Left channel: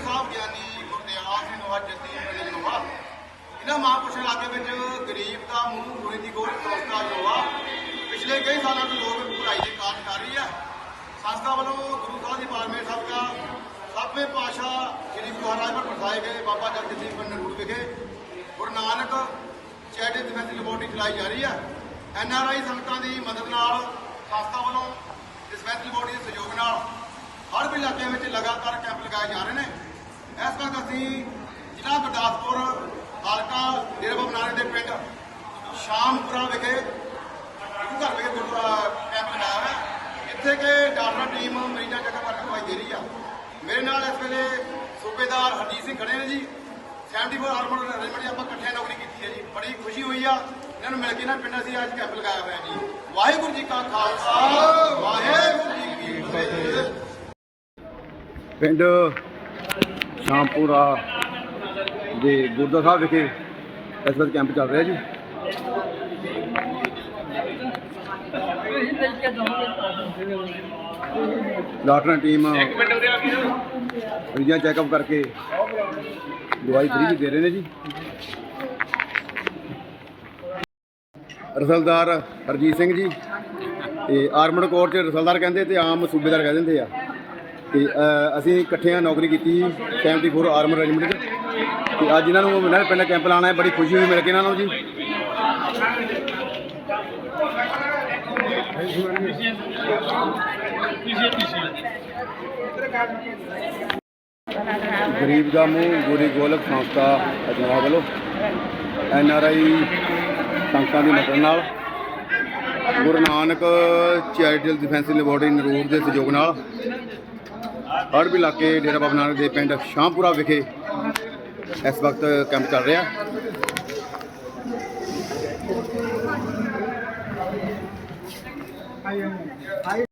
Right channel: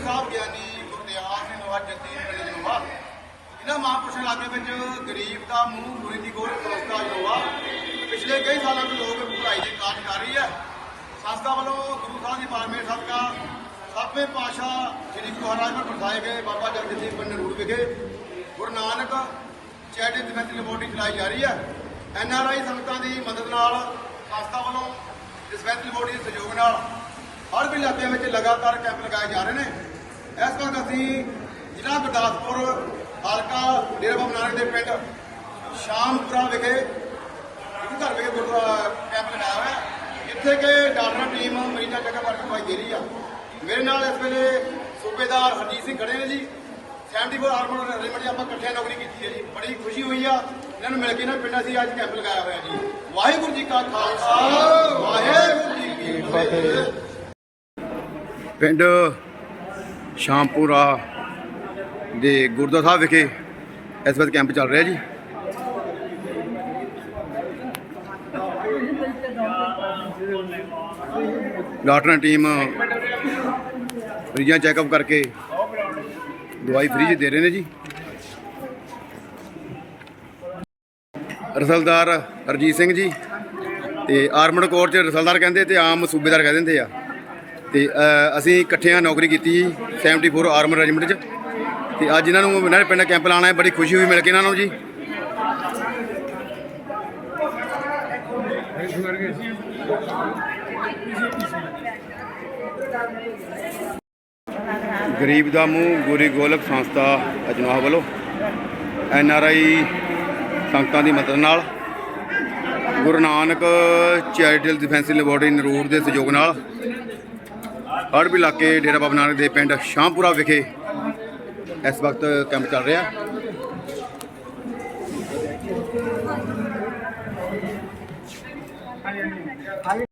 ਸਾਹਿਬ ਗਿਆਨੀ ਗੁਰਦਿਆਲ ਸਿੰਘ ਨਵਾਜ ਜੱਦੀ ਪਿੰਡ ਜਨਵਾ ਇਹਨਾਂ ਮਹਾਂਪੁਰਸ਼ਾਂ ਲਾਗੇ ਵਿੱਚ ਗਰੀਬ ਦਾ ਮੂੰਹ ਗੁਣੀ ਦੀ ਗੋਲ ਸੰਸਥਾ ਜਨਵਾ ਪਿਛਲੇ ਕਈ ਸਾਲਾਂ ਤੋਂ ਲੋਕ ਭਲਾਈ ਦੀ ਕਾਰਜ ਕਰ ਰਹੀ ਹੈ। ਸੰਸਥਾ ਵੱਲੋਂ ਗੁਰੂ ਸਾਹਿਬ ਦੀ ਬਾਰਮੇ ਸਾਹਿਬ ਦਾ ਸਤਵੇਂ ਪਾਤਸ਼ਾਹ ਸ੍ਰੀ ਮਹਾਰਾਜ ਨੂੰ ਪਰਸਾਏ ਗਏ ਬਾਬਾ ਜਗਤ ਸਿੰਘ ਪਿੰਡ ਨੂਰ ਵਿਖੇ Guru Nanak charity defence laboratory ਚਲਾਈ ਜਾ ਰਹੀ ਹੈ। ਐਨ ਆਰ ਆਈ ਸੰਗਤਾਂ ਦੀ ਮਦਦ ਨਾਲ ਸੰਸਥਾ ਵੱਲੋਂ ਡਿਸਪੈਂਸਰੀ ਬੋਰਡ ਦੇ ਸਹਿਯੋਗ ਨਾਲ ਹਰ ਵੀ ਇਲਾਕਿਆਂ ਵਿੱਚ ਲਗਾਤਾਰ ਕੈਂਪ ਲਗਾਏ ਜਾ ਰਹੇ ਨੇ। ਇਸ ਵਕਤ ਅਸੀਂ ਜ਼ਿਲ੍ਹਾ ਗੁਰਦਾਸਪੁਰ ਹਲਕਾ ਡੇਰਾ ਬਾਬਾ ਨਾਨਕ ਦੇ ਪਿੰਡ ਸ਼ਾਮਪੁਰਾ ਵਿਖੇ ਇੱਕ ਘਰ ਵਿਖੇ ਗੁਰਦੁਆਰਾ ਕੈਂਪ ਲਗਾਇਆ ਹੋਇਆ ਹੈ। ਜਿੱਥੇ ਕਿ ਡਾਕਟਰ ਟੀਮ ਮਰੀਜ਼ਾਂ ਚੱਕਰ ਵਰਕ ਕਰਵਾਈ ਦੇ ਰਹੀ ਆ। ਮੇਰੇ ਨਾਲ ਇਸ ਵੇਲੇ ਸੂਬੇਦਾਰ ਹਰਜੀਤ ਸਿੰਘ ਖੜੇ ਨੇ ਜੀ। 74 ਆਰਮਰ ਰੈਜੀਮੈਂਟ ਆਪਾਂ ਇਕੱਠੇ ਨੌਕਰੀ ਕੀਤੀ ਹੈ ਜੀ। ਬੜੀ ਖੁਸ਼ੀ ਹੋਈ ਆ। ਇਹਨਾਂ ਨੂੰ ਮਿਲ ਕੇ ਨਾ ਪਿੰਡ ਅਸੀਂ ਅੱਜ ਕੈਂਪ ਲਗਾਇਆ ਹੋਇਆ ਜੀ। ਵਾਹਿਗੁਰੂ ਜੀ ਕਾ ਖਾਲਸਾ। ਵਾਹਿਗੁਰੂ ਜੀ ਕੀ ਫਤਿਹ। ਪਿੰਡ ਸ਼ਾਮਪੁਰਾ ਦੇ ਗੁਰਦੁਆਰਾ ਸਾਹਿਬ ਵਿਖੇ ਇਸ ਵਕਤ ਕੈਂਪ ਚੱਲ ਰਿਹਾ ਜੀ। ਡਾਕਟਰਾਂ ਟੀਮ ਫਰੀਆਂ ਚੈੱਕਅਪ ਕਰਕੇ ਦਵਾਈ ਫ੍ਰੀ ਚ ਦੇ ਰਹੇ ਨੇ ਜੀ। ਰਸਲਦਾਰ ਹਰਜੀਤ ਸਿੰਘ ਜੀ ਤੇ ਆਰਮਡ ਕੋਰ ਚ ਰਸਲਦਾਰ ਕਹਿੰਦੇ ਤੇ ਆਮ ਸੂਬੇਦਾਰ ਕਹਿ ਦਿੰਦੇ ਆ। ਤੇ ਅਸੀਂ ਇਕੱਠਿਆਂ ਨੌਕਰੀ ਕੀਤੀ ਜੀ 74 ਆਰਮਰ ਰੈਜੀਮੈਂਟ ਚ। ਤੇ ਅੱਜ ਇਹਨਾਂ ਨੂੰ ਇਹਨਾਂ ਦੇ ਪਿੰਡ ਕੈਂਪ ਲਾਣਾ ਹੈ ਬੜੀ ਖੁਸ਼ੀ ਹੋਈ ਮਿਲ ਕੇ ਇਹਨਾਂ ਨੂੰ ਜੀ। ਗਰੀਬ ਦਾ ਮੂੰਹ, ਗੋਰੀ ਗੋਲਕ ਸੰਸਥਾ ਅਜਨਾਹ ਵੱਲੋਂ ਐਨ ਆਰ ਆਈ ਸੰਗਤਾਂ ਦੀ ਮਦਦ ਨਾਲ Guru Nanak charitable defensive laboratory Narur ਦੇ ਸਹਿਯੋਗ ਨਾਲ ਹੜ੍ਹ ਇਲਾਕੇ ਡੇਰਾ ਬਾਬਾ ਨਾਨਕ ਦੇ ਪਿੰਡ ਸ਼ਾਹਪੁਰਾ ਵਿਖੇ ਇਸ ਵਕਤ ਕੈਂਪ ਚੱਲ ਰਿਹਾ।